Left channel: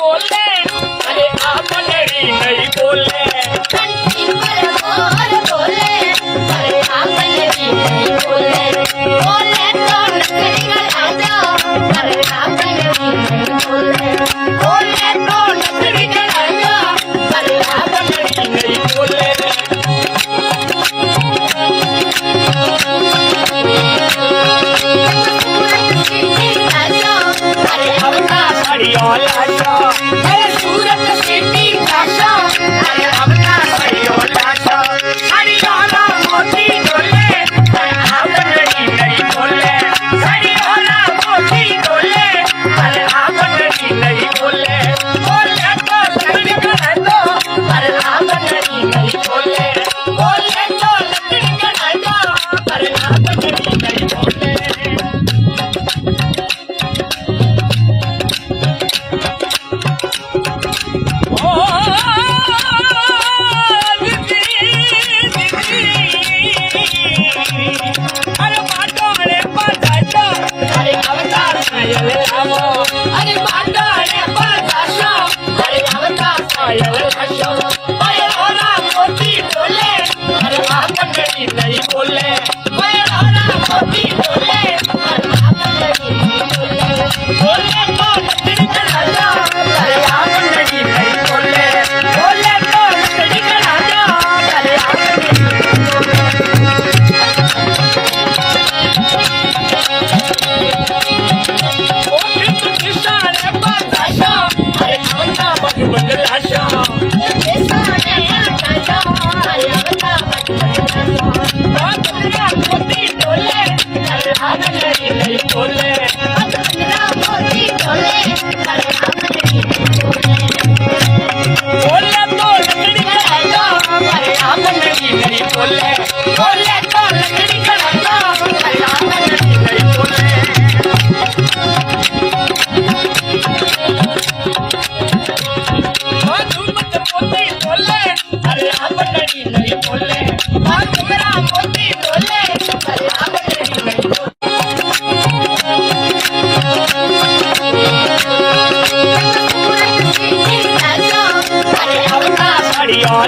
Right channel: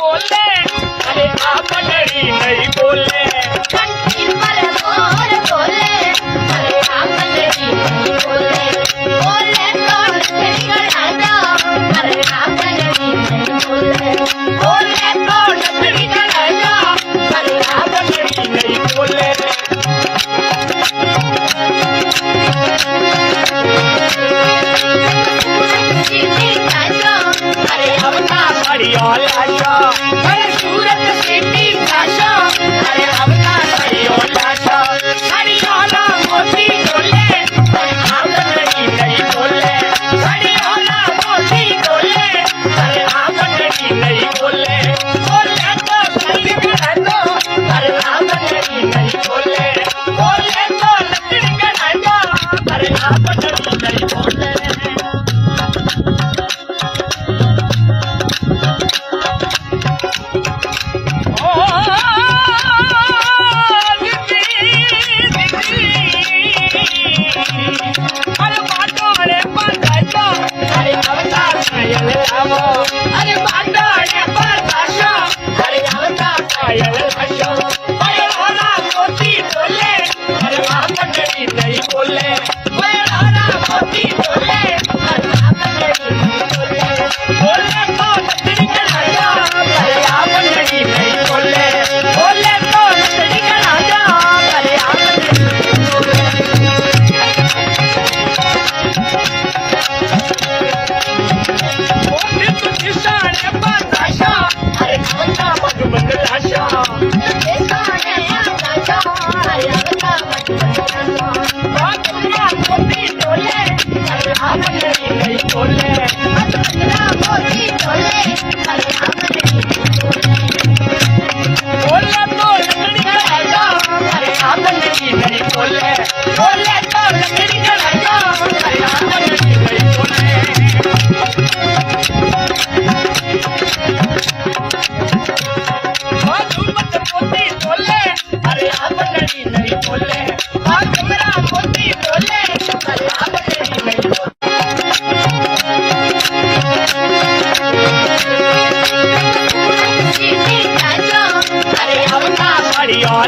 बोले अरे आप लड़ी नहीं बोले कंठी पर मोर बोले अरे आप लड़ी नहीं बोले बोले तो नथड़ी का राजा अरे आप लड़ी नहीं बोले बोले तो नथड़ी का राजा अरे आप लड़ी नहीं बोले अरे अपना बढ़िया लाशा अरे सूरत सिटी फैशन अरे अपना बढ़िया लाशा हरियाणा मोती बोले आप लड़ी नहीं बोले हरियाणा मोती बोले अरे आप लड़ी नहीं बोले बोले तो सही कह दो अरे आप लड़ी नहीं बोले बोले तो लकड़ी का राजा अरे आप लड़ी नहीं बोले अरे बाटोड़े बताशा अरे अवतार अरे रामो अरे बाटोड़े बताशा अरे अवतार आयल हशो अरे ओला मोती बोले अरे आप लड़ी नहीं बोले अरे ओला मोती बोले अरे आप लड़ी नहीं बोले बोले तो लकड़ी का राजा अरे आप लड़ी नहीं बोले बोले तो लकड़ी का राजा अरे आप लड़ी नहीं बोले अरे खाना मधुबन लाशा नहीं बोले बोले तो लकड़ी का राजा अरे आप लड़ी नहीं बोले बोले तो लकड़ी का राजा अरे आप लड़ी नहीं बोले मधुमत मोती बोले अरे आप लड़ी नहीं बोले मेरा मोती बोले अरे आप लड़ी नहीं बोले अरे अपना बढ़िया